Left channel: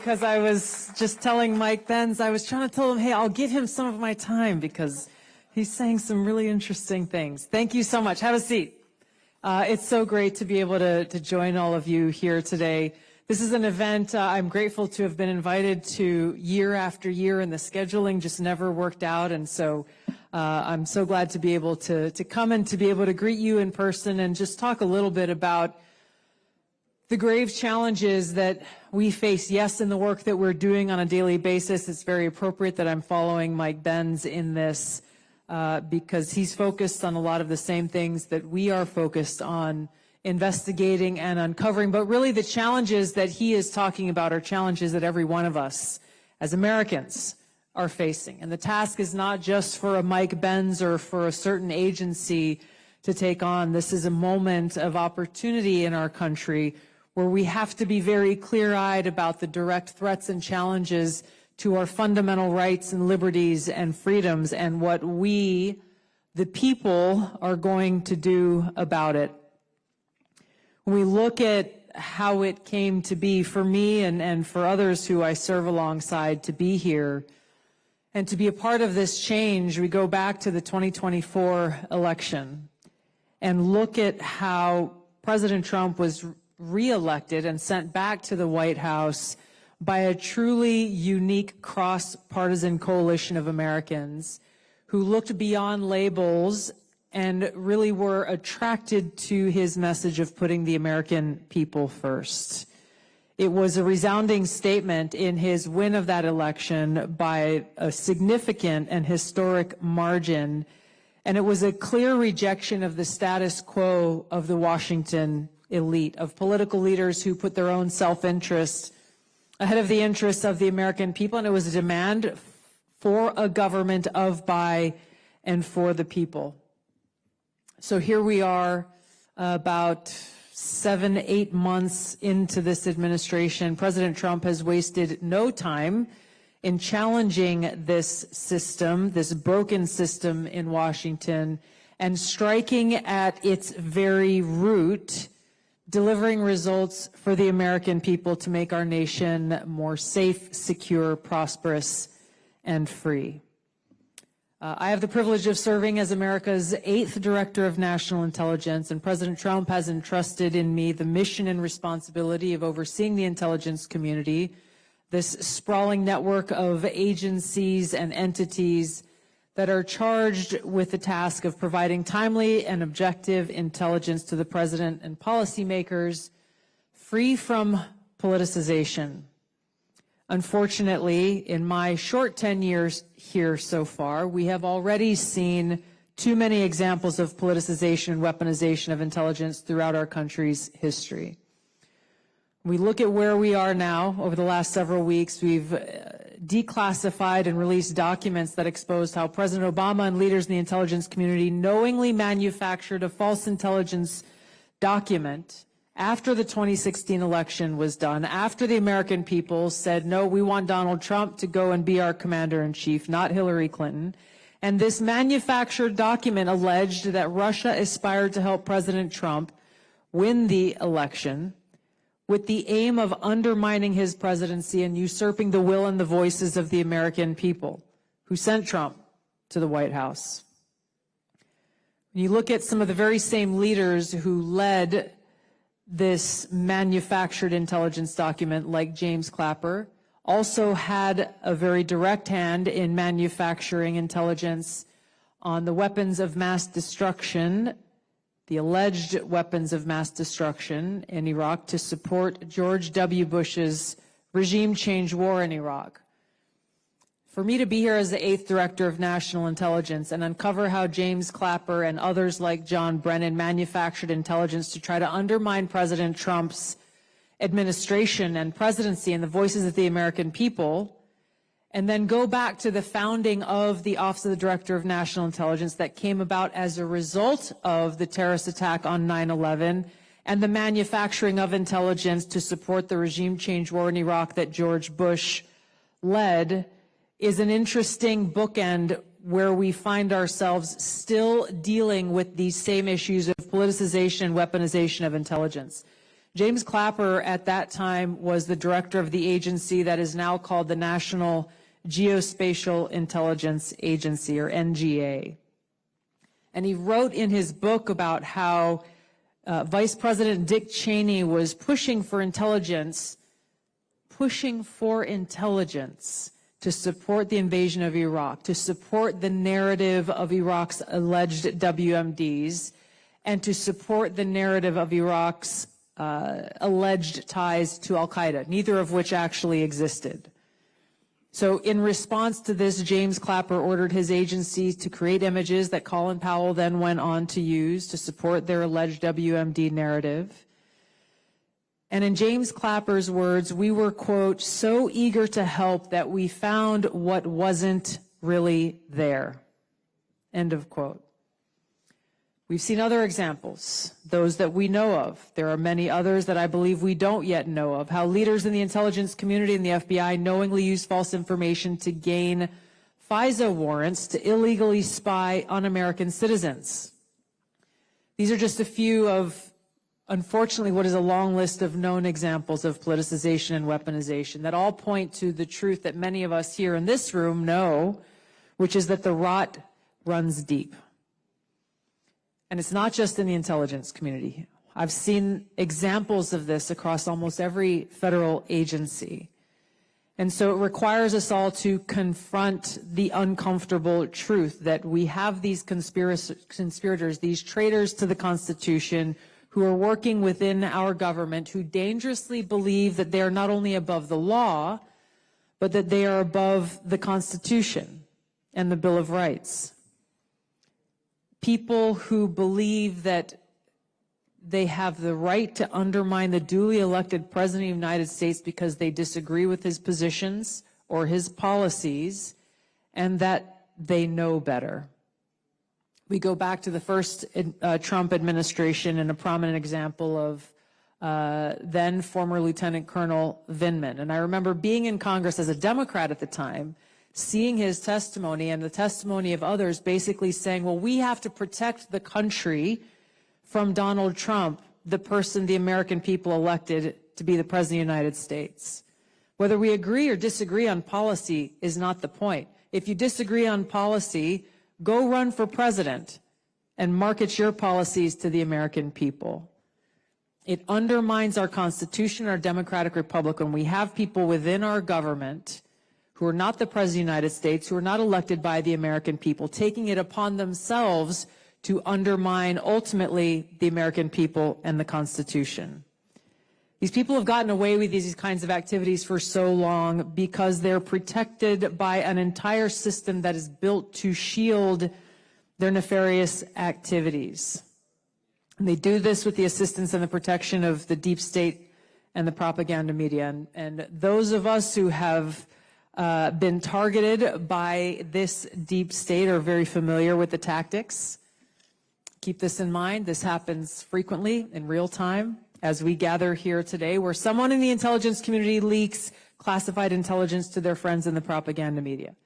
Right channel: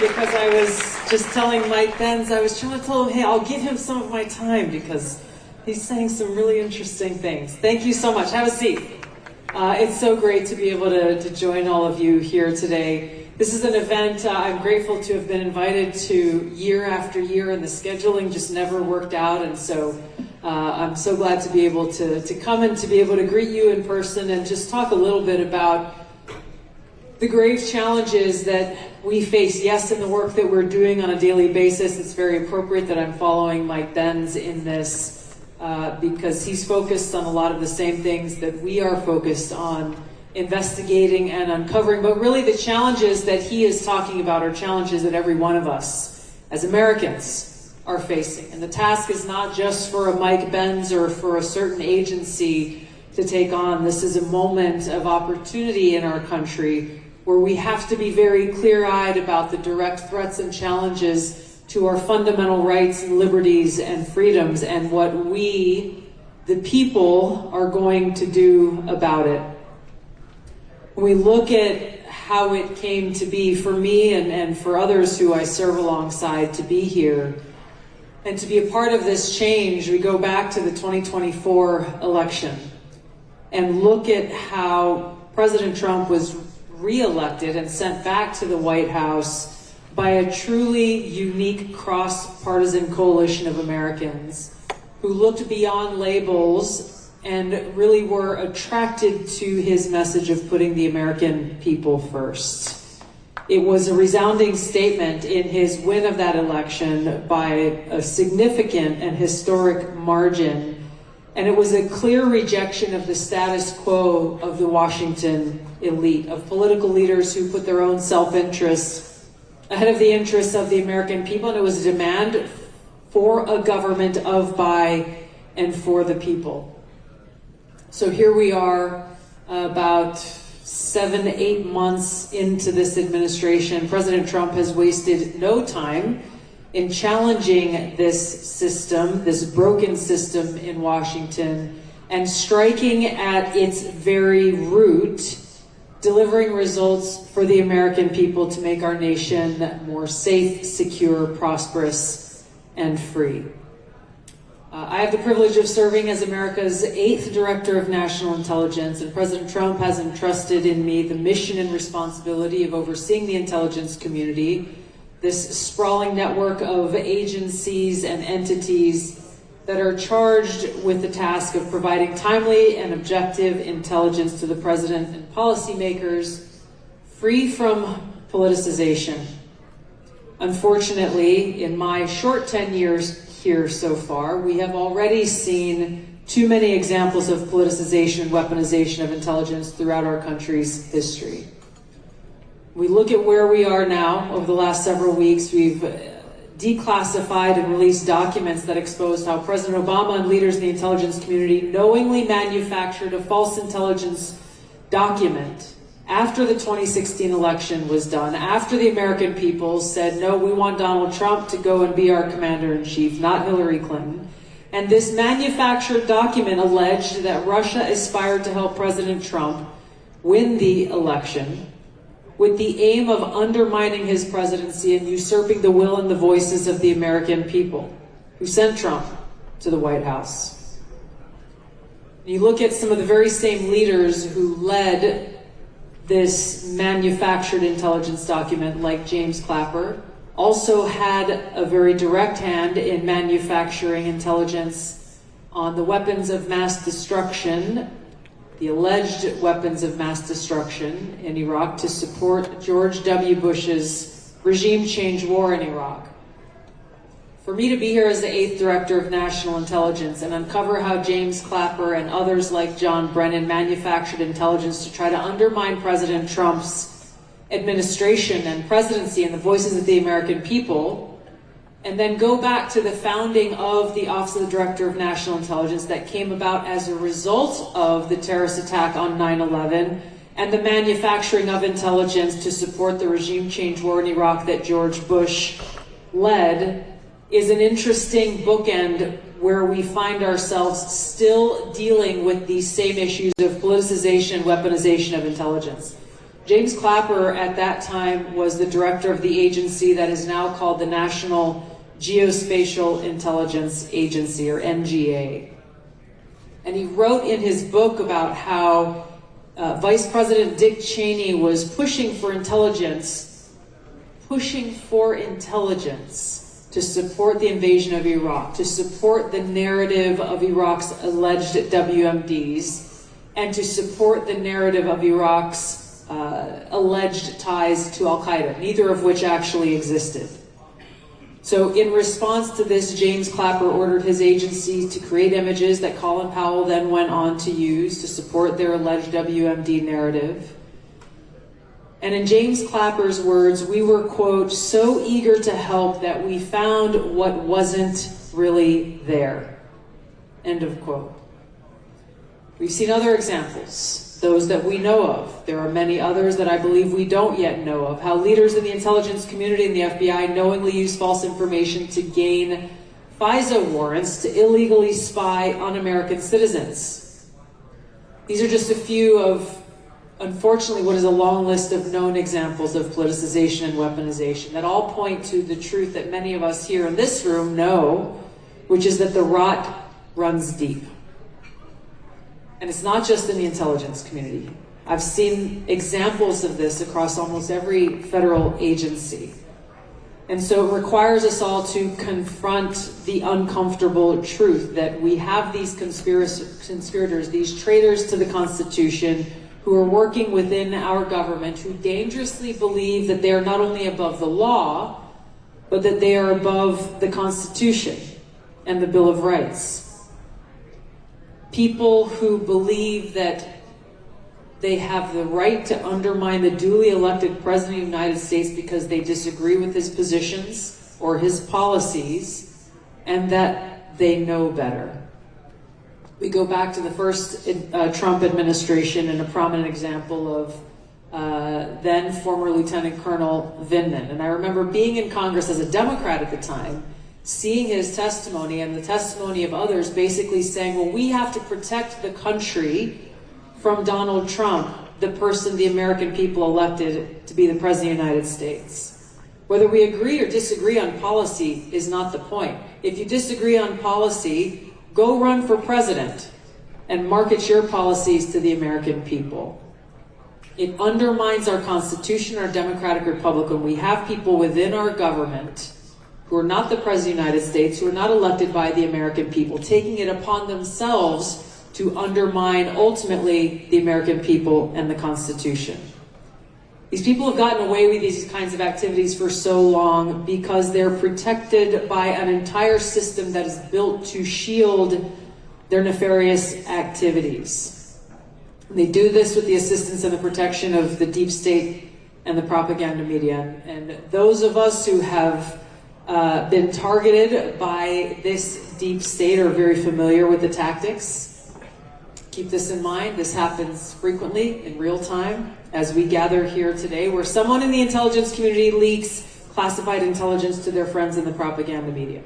because I was just telling Mike then, I was trying to tell him, hey, I'll give him some of my time because he's saying some really interesting things. Thank you so much. Have a seat. It's so great to be able to join all of you here today. This is an event I'm grateful to have been invited to year after year, and the scheduling just never worked out, and so I'm so glad to be able to come and to be able to greet you in person and just talk a little bit about the grave challenges that we face. Yes, in the work that we're doing on a daily basis, it's very appropriate that I'm following Mike Benz in this. Because he's focused on a lot of the same things that we are focused on, investigating and uncovering, but really the challenges that he is talking about are challenges that every one of us as Americans are facing. And the task is not just for Mike Benz or for a certain agency to take on. This is a moment of opportunity in our country where we have to be very clear-eyed about the direct threats and challenges to our fundamental rights, liberties, and freedoms, and what we, the people, are going to do about it. When we look at how it came to be for me and for others who I serve alongside to be here, and to be a part of this change, we go back to the 2024 election, and look at how President Trump was re-elected and sent back to the White House by a truly unique cross-partisan coalition of Americans who looked beyond labels and really were attracted to his message of putting the American people first. It was a resounding statement in his win of that election by a significant and historic margin, and it was a clear rejection of the status quo of the Washington elite, of political leaders who put their own self-interest ahead of the interests of the American people. It was a demand for a government of, by, and for the people. So here we are, about 7 to 8 months into this administration. President Trump has wasted no time in challenging this system, this broken system in Washington, and striking at its very root, delivering results for the American people to make our nation more safe, secure, prosperous, and free. I have the privilege of serving as America's 8th Director of National Intelligence, and President Trump has entrusted in me the mission and responsibility of overseeing the intelligence community, this sprawling network of agencies and entities that are charged with the task of providing timely and objective intelligence to the President and policymakers, free from politicization. Unfortunately, in my short 10 years here so far, we have already seen too many examples of politicization and weaponization of intelligence throughout our country's history. We look at where we are now. Over the last several weeks, we've declassified and released documents that expose how President Obama and leaders in the intelligence community knowingly manufactured a false intelligence document after the 2016 election was done, after the American people said, no, we want Donald Trump to go and be our commander-in-chief, not Hillary Clinton. And this manufactured document alleged that Russia aspired to help President Trump win the election with the aim of undermining his presidency and usurping the will and the voices of the American people who sent Trump to the White House. You look at some of the very same leaders who led this manufactured intelligence document, like James Clapper, also had a very direct hand in manufacturing intelligence on the weapons of mass destruction, the alleged weapons of mass destruction in Iraq to support George W. Bush's regime change war in Iraq. For me to be here as 8th Director of National Intelligence and uncover how James Clapper and others like John Brennan manufactured intelligence to try to undermine President Trump's administration and presidency and voices of the American people, and then go back to the founding of the Office of Director of National Intelligence that came about as a result of the terrorist attack on 9/11 and the manufacturing of intelligence to support the regime change war in Iraq that George Bush led, is an interesting bookend where we find ourselves still dealing with these same issues of politicization and weaponization of intelligence. James Clapper at that time was the director of the agency that is now called the National Geospatial Intelligence Agency, or NGA. And he wrote in his book about how Vice President Dick Cheney was pushing for intelligence to support the invasion of Iraq, to support the narrative of Iraq's alleged WMDs, and to support the narrative of Iraq's alleged ties to al-Qaeda, neither of which actually existed. So in response to this, James Clapper ordered his agency to create images that Colin Powell then went on to use to support their alleged WMD narrative. And in James Clapper's words, we were, quote, so eager to help that we found what wasn't really there, end of quote. We've seen other examples, those that we know of. There are many others that I believe we don't yet know of. How leaders in the intelligence community and the FBI knowingly use false information to gain FISA warrants to illegally spy on American citizens. These are just a few of, unfortunately, what is a long list of known examples of politicization and weaponization that all point to the truth that many of us here in this room know, which is that the rot runs deep. And it's not just in the intelligence community. I've seen examples of this across almost every federal agency. And so it requires us all to confront the uncomfortable truth that we have these conspirators, these traitors to the Constitution, who are working within our government, who dangerously believe that they are not only above the law, but that they are above the Constitution and the Bill of Rights. People who believe that they have the right to undermine the duly elected President of the United States because they disagree with his positions or his policies, and that they know better. We go back to the first Trump administration and the prominent example of then former Lieutenant Colonel Vindman. And I remember being in Congress as a Democrat at the time, seeing his testimony and the testimony of others basically saying, well, we have to protect the country from Donald Trump, the person the American people elected to be the President of the United States. Whether we agree or disagree on policy is not the point. If you disagree on policy, go run for president and market your policies to the American people. It undermines our Constitution, our democratic republic, when we have people within our government who are not the President of the United States, who are not elected by the American people, taking it upon themselves to undermine, ultimately, the American people and the Constitution. These people have gotten away with these kinds of activities for so long because they're protected by an entire system that is built to shield their nefarious activities. They do this with the assistance and the protection of the deep state and the propaganda media. And those of us who have been targeted by this deep state are very familiar with the tactics. Keep this in mind, this happens frequently in real time as we gather here today, where someone in the intelligence community leaks classified intelligence to their friends in the propaganda media.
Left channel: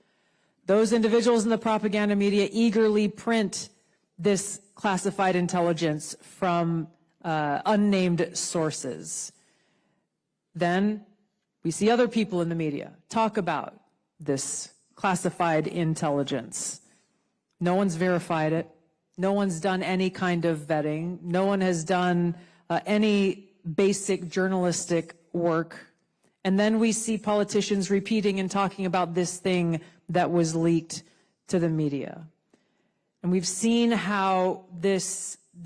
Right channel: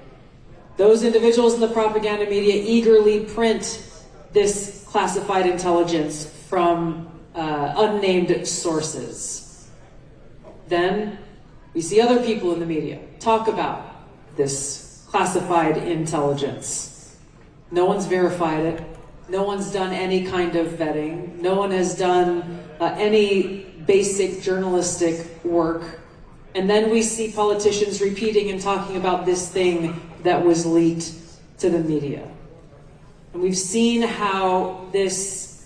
Those individuals in the propaganda media eagerly print this classified intelligence from unnamed sources. Then we see other people in the media talk about this classified intelligence. No one's verified it. No one's done any kind of vetting. No one has done any basic journalistic work. And then we see politicians repeating and talking about this thing that was leaked to the media. And we've seen how this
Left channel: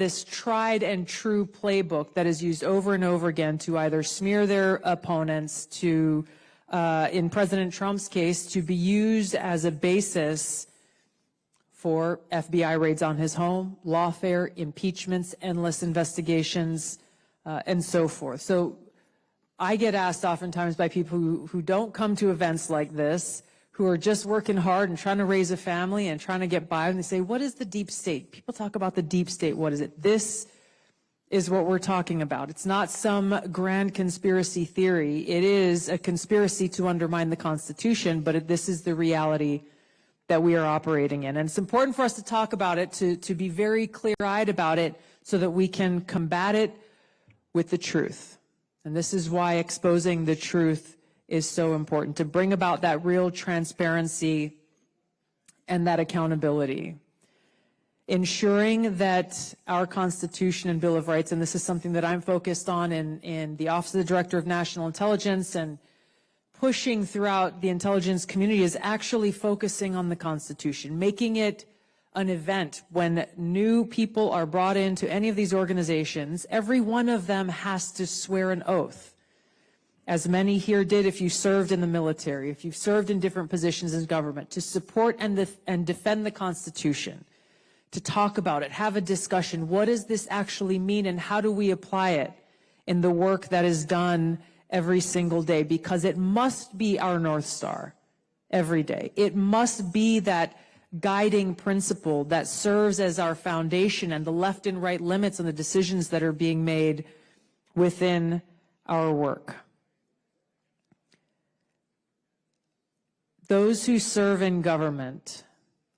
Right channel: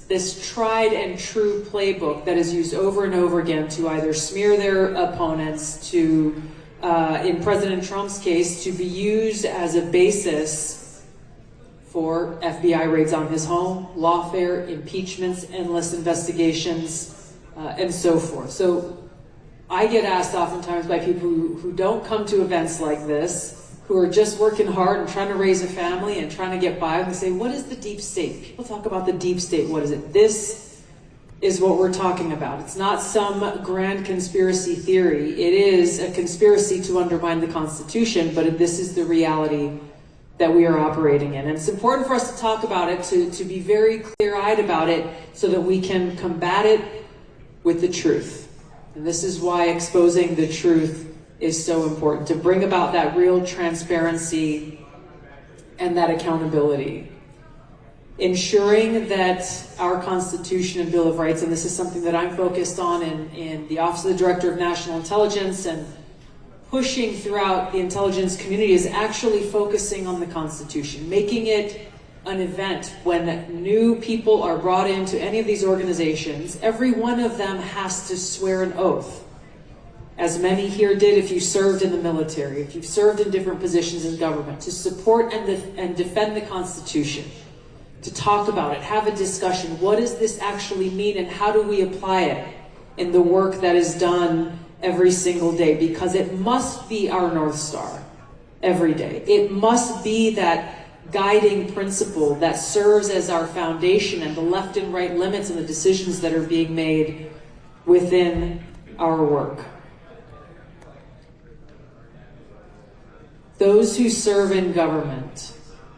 tried and true playbook that is used over and over again to either smear their opponents, to, in President Trump's case, to be used as a basis for FBI raids on his home, lawfare, impeachments, endless investigations, and so forth. So I get asked oftentimes by people who don't come to events like this, who are just working hard, trying to raise a family and trying to get by, and say, what is the deep state? People talk about the deep state. What is it? This is what we're talking about. It's not some grand conspiracy theory. It is a conspiracy to undermine the Constitution, but this is the reality that we are operating in. And it's important for us to talk about it, to be very clear-eyed about it, so that we can combat it with the truth. And this is why exposing the truth is so important, to bring about that real transparency and that accountability. Ensuring that our Constitution and Bill of Rights, and this is something that I'm focused on in the Office of the Director of National Intelligence and pushing throughout the intelligence community, is actually focusing on the Constitution, making it an event when new people are brought into any of these organizations. Every one of them has to swear an oath. As many here did if you served in the military, if you served in different positions in government, to support and defend the Constitution, to talk about it, have a discussion. What does this actually mean, and how do we apply it in the work that is done every single day? Because it must be our North Star every day. It must be that guiding principle that serves as our foundation and the left and right limits and decisions that are being made within our work. Those who serve in government,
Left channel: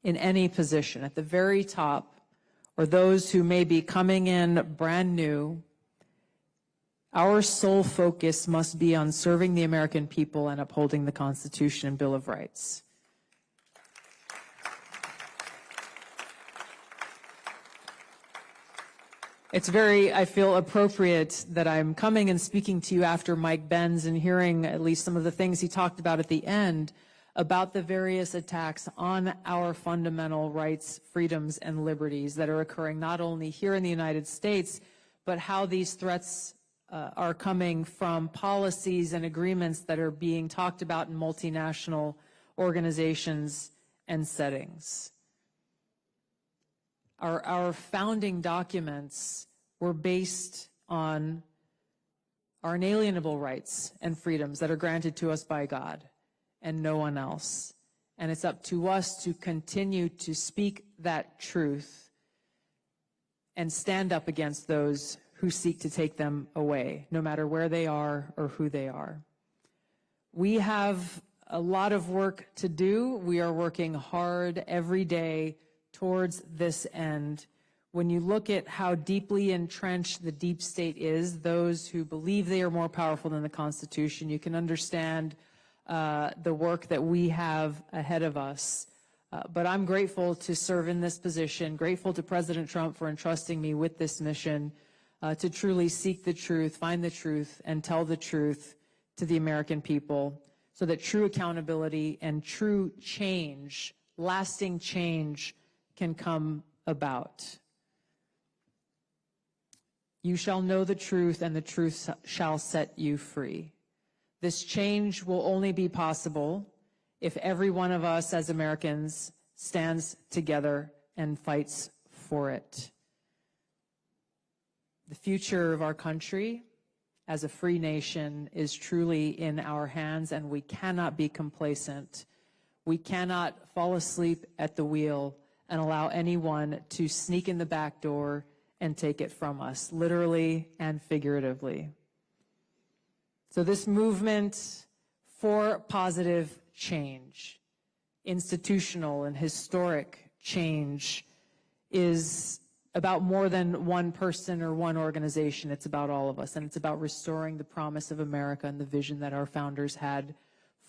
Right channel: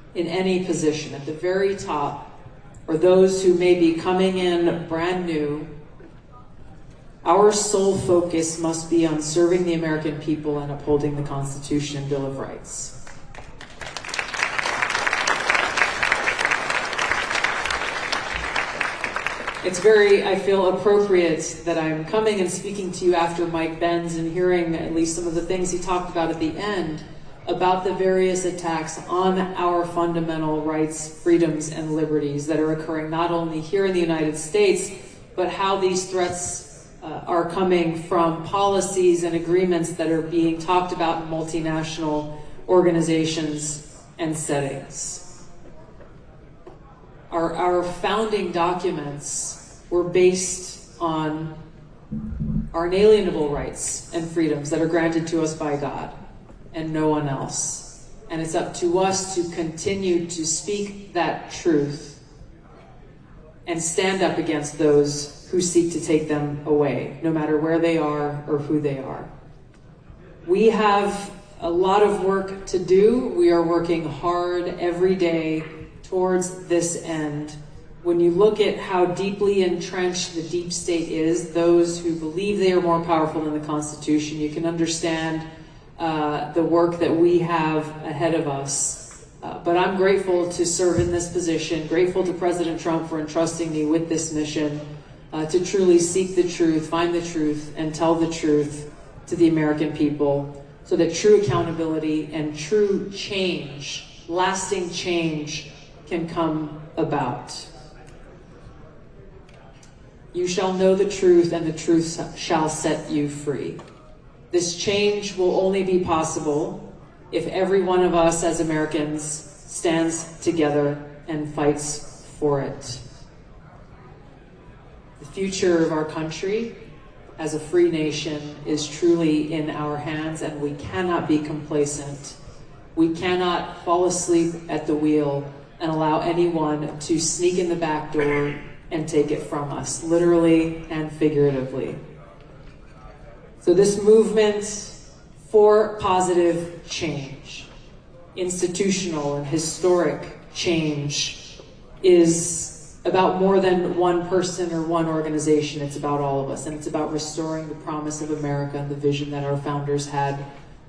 in any position, at the very top, or those who may be coming in brand new, our sole focus must be on serving the American people and upholding the Constitution and Bill of Rights. It's very, I feel, appropriate that I'm coming and speaking to you after Mike Benz and hearing at least some of the things he talked about at the end about the various attacks on our fundamental rights, freedoms, and liberties that are occurring not only here in the United States, but how these threats are coming from policies and agreements that are being talked about in multinational organizations and settings. Our founding documents were based on our inalienable rights and freedoms that are granted to us by God and no one else. And it's up to us to continue to speak that truth and stand up against those who seek to take them away, no matter where they are or who they are. We have a lot of work to do. We are working hard every day towards this end. When you look at how deeply entrenched the deep state is, those who believe they are more powerful than the Constitution, you can understand the work that we have ahead of us. But I'm grateful to serve in this position, grateful to President Trump for entrusting me with this mission to truly seek the truth, find the truth, and tell the truth to the American people, so that true accountability and true change, lasting change, can come about. You shall know the truth, and the truth shall set you free. This change will only be possible if every one of us as Americans stands together and fights for it. The future of our country as a free nation is truly in our hands, and we cannot be complacent. We cannot fall asleep at the wheel and allow anyone to sneak in the back door and take it from us, literally and figuratively. So this movement for positive change, institutional and historic change, is about more than one person or one organization. It's about all of us, and it's about restoring the promise of America and the vision that our founders had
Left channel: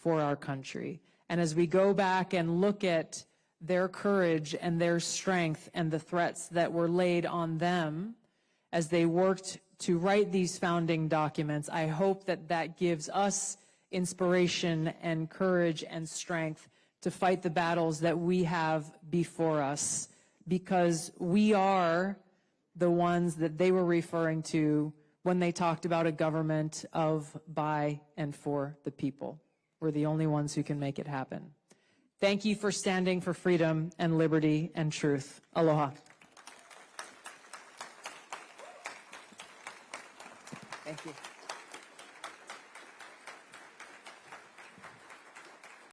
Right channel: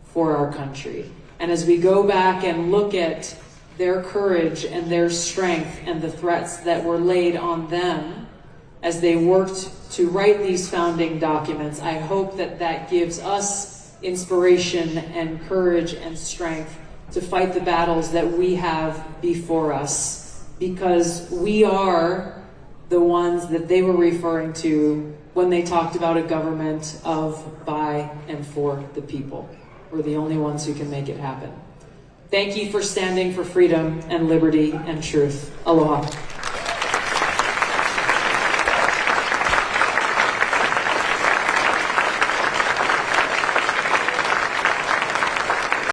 for our country. And as we go back and look at their courage and their strength and the threats that were laid on them as they worked to write these founding documents, I hope that that gives us inspiration and courage and strength to fight the battles that we have before us, because we are the ones that they were referring to when they talked about a government of, by, and for the people. We're the only ones who can make it happen. Thank you for standing for freedom and liberty and truth. Aloha.